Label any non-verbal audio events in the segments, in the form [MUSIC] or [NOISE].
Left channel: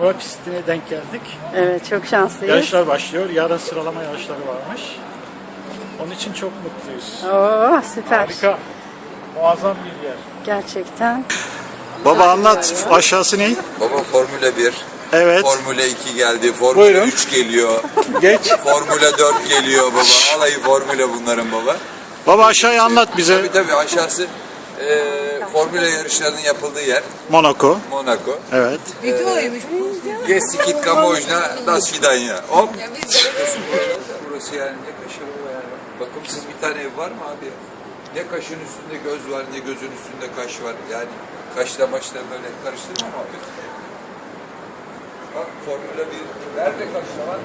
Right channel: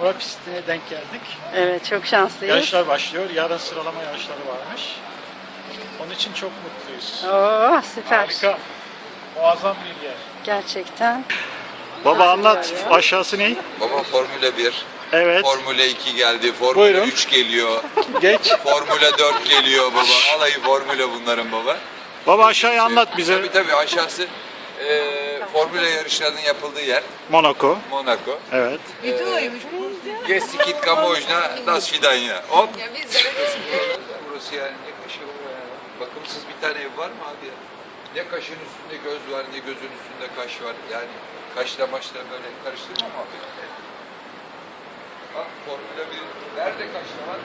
Work City'ne denk geldik. Evet, çok şanslıyız. Yarışlar başlıyor. Yarın sıralama yarışları varmış. Onun için çok mutluyuz. Oo, süper. Harika. Muazzam bir yer. Gerçekten. Anladım. Baba Sadece anlat aşağısı ne? Baba formüle 1. Evet. Formüle 2 geldi. Formüle Buyurun. 3 geliyor. [LAUGHS] Geç. Formüle 4 geliyor baba. [LAUGHS] Alayı formüle bunların baba. Baba aşağıya anlat bize. Tabii tabii aşağısı e, ee, yarışlarının yapıldığı yer. Monaco. Monaco. Evet. Videoymuş ee, bu. Bir [LAUGHS] sikit yes, kamuojna das fidanya. Hop. [LAUGHS] [LAUGHS] [LAUGHS] Burası yani ne kaşın var? Bakımsız bir tane ev var mı abi? Ne kaşın üstünde göz var, ne gözün üstünde kaş var. Yani kaşla başla böyle karıştırma [LAUGHS] [LAUGHS] Bak formüle bir. Nerede kaşla var mı?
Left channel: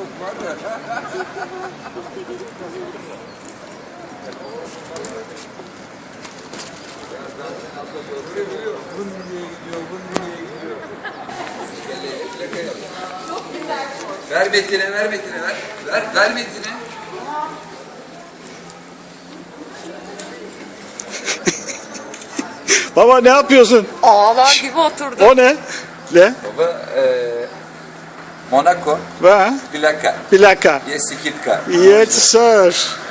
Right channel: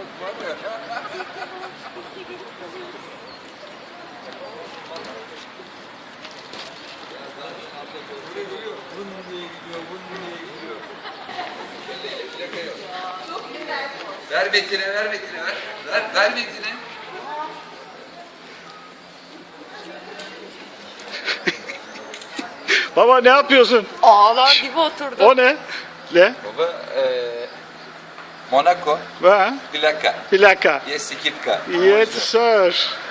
çok var ya. Ha? Çok güzel. Ver Betine, ver, betire, ver. ver, ver [LAUGHS] [LAUGHS] [LAUGHS] Baba ne yapıyorsun? Ağlar gibi oturdu. [LAUGHS] o ne? Ne? Baba, ee... Μονάκο. Πιλάκα. Πιλάκα. Η σας.